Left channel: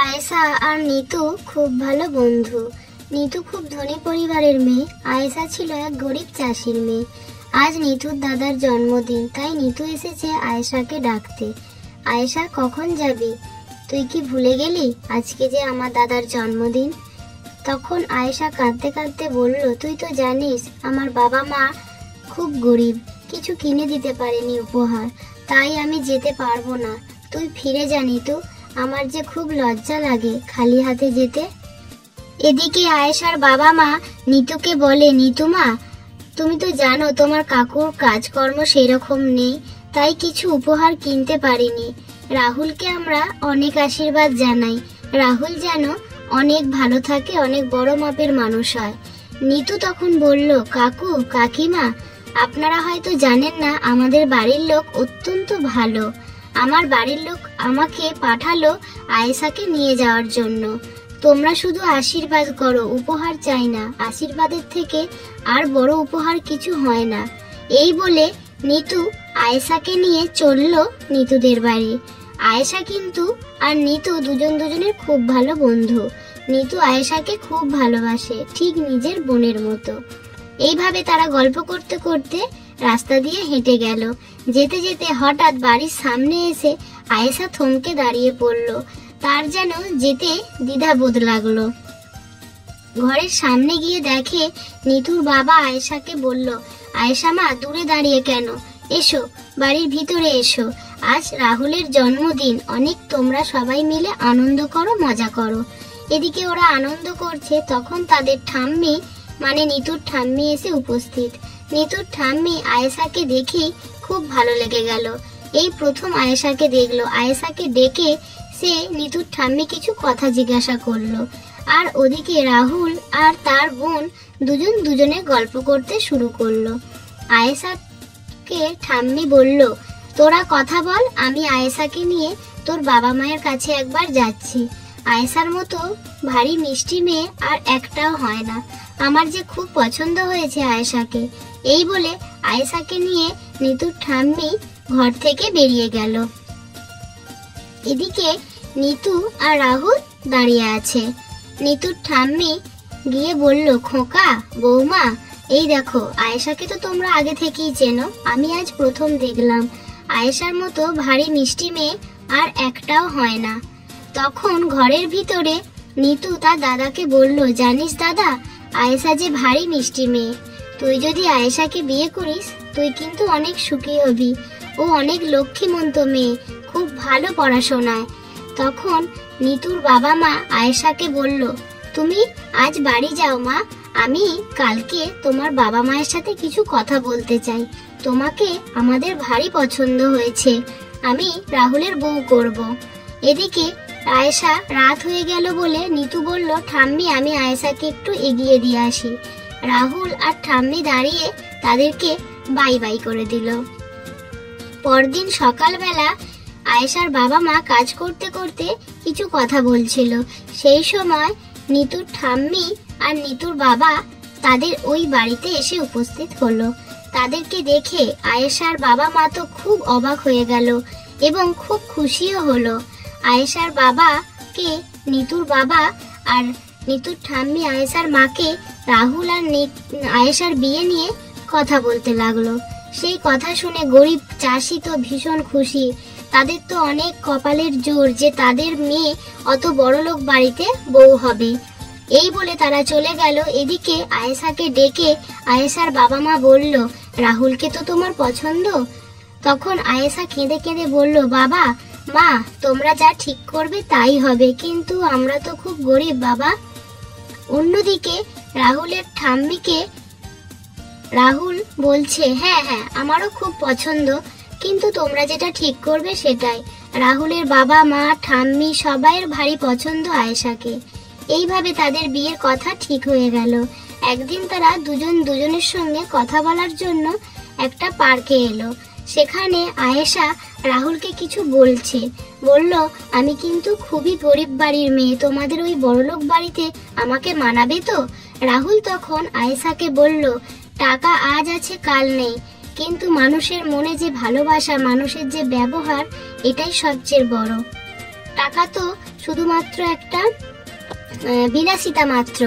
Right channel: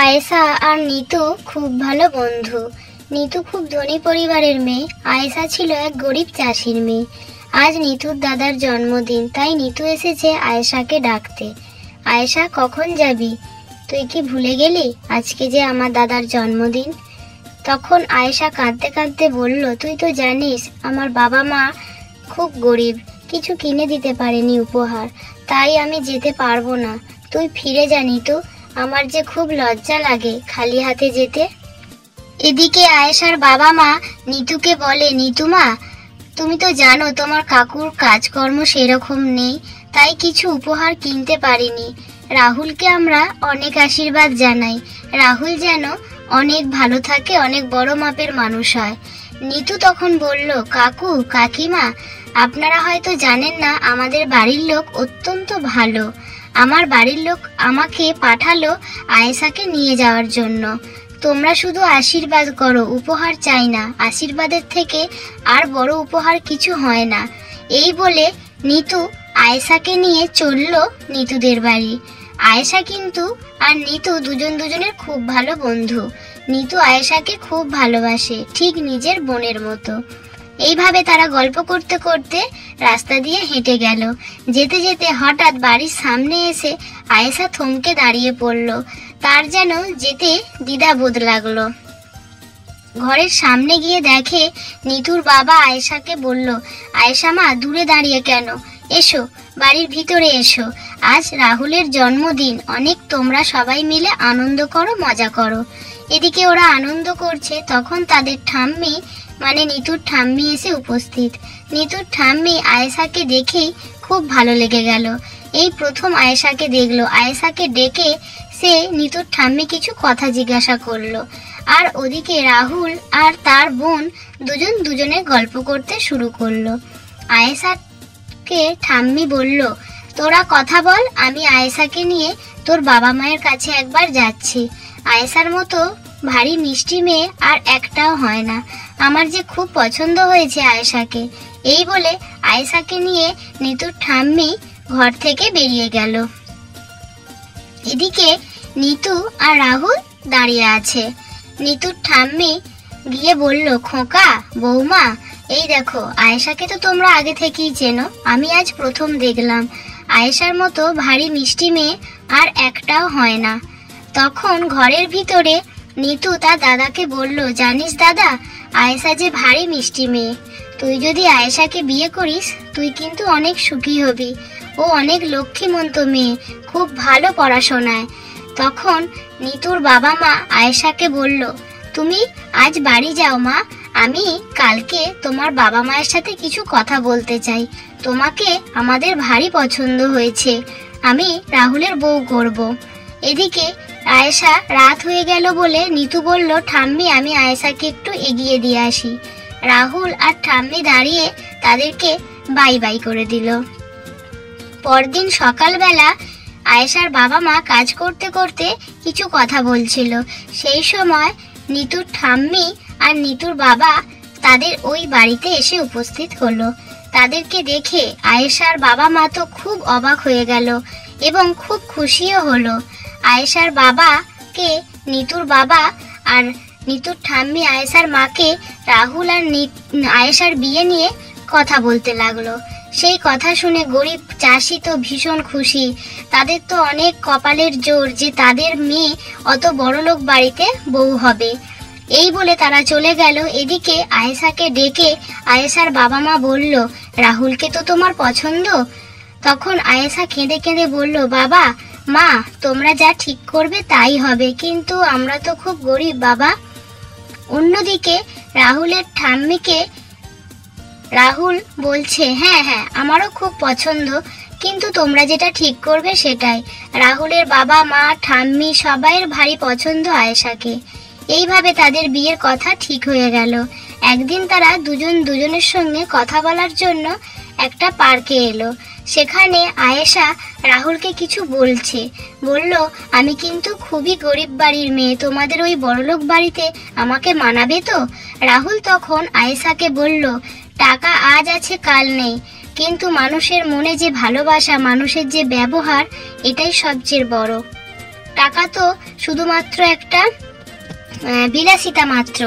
আয়েশা আর নিতু খুব ভালো বন্ধু। নিতু খুব ধনী পরিবারের মেয়ে, আয়েশা ছিল এক গরিব চাষির মেয়ে। আজ নিতুর দাদার জন্মদিন, তাই নিতু এসেছে আয়েশাকে ডাকতে। আয়েশা, কখন যাবি? তুই কি ভুলে গেলি আজকে যে আমার দাদার জন্মদিন? তখন আয়েশা কাঁদতে কাঁদতে বলল, তুই তো জানিস আমার বাবা মা খুব গরিব, কিছু কিনে দিতে পারেনি উপহার, তাই আমি যেতে পারবো না। তুই ফিরে যা নিতু, আমার যে খুব লজ্জা লাগে খালি হাতে যেতে। এদিকে আয়েশার বাবা মা নিতুকে বলে, নিতু মা, তুমি তো জানো তোমার কাকুর কাজকর্ম সেরকম নেই, তাই কিছু উপহার কিনতে পারিনি। রাহুলকে আমরা অনেক আশীর্বাদ জানাই, রাহুল যেন অনেক ভালো থাকে, অনেক বড় মাপের মানুষ হয়। নিতু তখন বলল, কাকু কাকিমা, আপনারা হয়তো জানেন না আমাদের বাড়ির লোক অত্যন্ত ভালো। আমার বাড়ির লোক আমাকে পাঠালো আয়েশাকে নিয়ে যাওয়ার জন্য। তোমরা শুধু আশীর্বাদ করো, উপহার চাই না, আশীর্বাদের থেকে আর বড় উপহার কিছু হয় না। এই বলে নিতু আয়েশাকে নিয়ে চলল নিতুদের বাড়ি। আয়েশা কিন্তু আর নিতু দুজনের খুব ভালো বন্ধু। নিতু আয়েশাকে খুব ভালোবাসে, ঠিক নিজের বোনের মতো। এইভাবে তারা গল্প করতে করতে রাস্তা দিয়ে হেঁটে গেল। যেতে যেতে হঠাৎ বাড়ির সামনে এসে আয়েশা থমকে দাঁড়িয়ে পড়ল। তার যেন যেতে দ্বিধাবোধ লাগলো। ঘরের সামনে গিয়ে দেখে নিতুর বাবা আয়েশাকে বলল, আয়েশা মা, দূরে দাঁড়িয়ে কেন? এসো, বাড়ির ভিতরে এসো, আজ রাহুলের জন্মদিন, অনেক তোমরা সবাই মিলে আনন্দ করো, মজা করো। এদিকে ওরা আনন্দ করছে, তখন তাদের ঠাম্মি মানে নিতুর ঠাম্মি এসে উপস্থিত। নিতুর ঠাম্মি আয়েশাকে দেখেই খুব ভালো লেগে গেল। এই প্রথম আয়েশাকে দেখলো। আয়েশাকে ডেকে সে নিতুর ঠাম্মি কিছু কথা জিজ্ঞাসা করলো। আর ওদিকে রাহুল আর তার বোন দুজনে গল্প করতে শুরু করলো। আয়েশাকে ঠাম্মি বলল, তোরা কথা বল, আমি আয়েশাকে নিয়ে তোর বাবা মায়ের কাছে একবার যাচ্ছি। আয়েশার মতো ভারী মিষ্টি মেয়ে আর একটাও হয় না, আমার যে খুব পছন্দ হয়েছে আয়েশাকে। এই বলে আয়েশাকে নিয়ে নিতুর ঠাম্মি ঘর থেকে বেরিয়ে গেল। এদিকে নিতু আর রাহুল দাঁড়িয়ে আছে। নিতুর ঠাম্মি গিয়ে বলল, খোকা, বৌমা, এই দেখো আয়েশাকে তো তোমরা আগে থেকেই চেনো, আমি আজ প্রথম দেখলাম। আয়েশার মতো ভারী মিষ্টি মেয়ে আর একটাও হয় না। তখন ঘরের ভিতরে নিতু তার দাদাকে বলল, জানিস দাদা, আয়েশা যে ভারী মিষ্টি মেয়ে, তুই যদি আয়েশাকে বিয়ে করিস তুই কিন্তু অনেক সুখী হবি। ও অনেক লক্ষ্মীমন্ত মেয়ে, খুব ভালো পড়াশোনায়। তখন নিতুর বাবা মা আয়েশাকে বলল, তুমি আজ বাড়ি যাও মা, আমি কালকে তোমার বাবা মায়ের সাথে কিছু কথা বলতে চাই। তোমাকে আমাদের ভারী পছন্দ হয়েছে, আমি রাহুলের বউ করব। এদিকে আয়েশা রাত হয়ে গেল বলে নিতু বলল, ঠাম্মি, আমি আয়েশাকে একটু এগিয়ে দিয়ে আসি। রাহুল আর ঠাম্মি দাঁড়িয়ে তাদেরকে বাই বাই করে দিল। পরদিন সকালবেলা আয়েশার বাবা মা কাজ করতে করতে কিছু কথা বলছিল। সেই সময় নিতুর ঠাম্মি আর নিতুর বাবা তাদের ওই বাড়িতে এসে উপস্থিত হলো। তাদেরকে দেখে আয়েশার বাবা মা তো খুব অবাক হয়ে গেল এবং খুব খুশিও হলো। আয়েশার বাবাকে নিতুর বাবা আর নিতুর ঠাম্মি আয়েশার মাকে রাহুল আর আয়েশার বিয়ে নিয়ে কথা বলতে লাগলো। সেই কথা শুনে গরিব চাষি তো ভীষণ খুশি। তাদের তো অনেক কপালের জোর যে তাদের মেয়ে অত বড়লোক বাড়িতে বউ হবে। এই বলে তারা চলে গেল। এদিকে আয়েশাকে ডেকে আয়েশার বাবা মা বলল, রাহুলকে তো তোমার পছন্দ? তখন আয়েশা কেঁদে কেঁদে বলল, বাবা মা, তোমরা যা ঠিক করবে তাই হবে, কিন্তু আমরা তো খুব গরিব বাবা। অন্যদিকে রাহুলের ঠাম্মিকে রাহুল বলছে, হ্যাঁ হ্যাঁ, আমারও খুব পছন্দ, কিন্তু তোমরা যেটা ঠিক করবে সেটাই। রাহুলের বাবা মা ঠাম্মি সবাইয়ের ভারী পছন্দ আয়েশাকে। এইভাবে তাদের বিয়ের কথা ঠিক হয়ে গেল। একদিন তারা দুজনের সঙ্গে কথা বলার জন্য একটা পার্কে এলো। সেখানে আয়েশা রাহুলকে কিছু বলছে। বলল, আমি কিন্তু খুবই গরিব বাড়ির মেয়ে, তোমাদের ওই বড়লোক বাড়িতে আমাকে মানাবে তো? রাহুল তখন আয়েশাকে বলল, টাকা আজ আছে কাল নেই, কিন্তু মানুষের মনে যে ভালোবাসা, মানুষের যে ব্যবহার, এটাই সবচেয়ে বড়। টাকা তো শুধুমাত্র একটা বিলাসিতা মাত্র।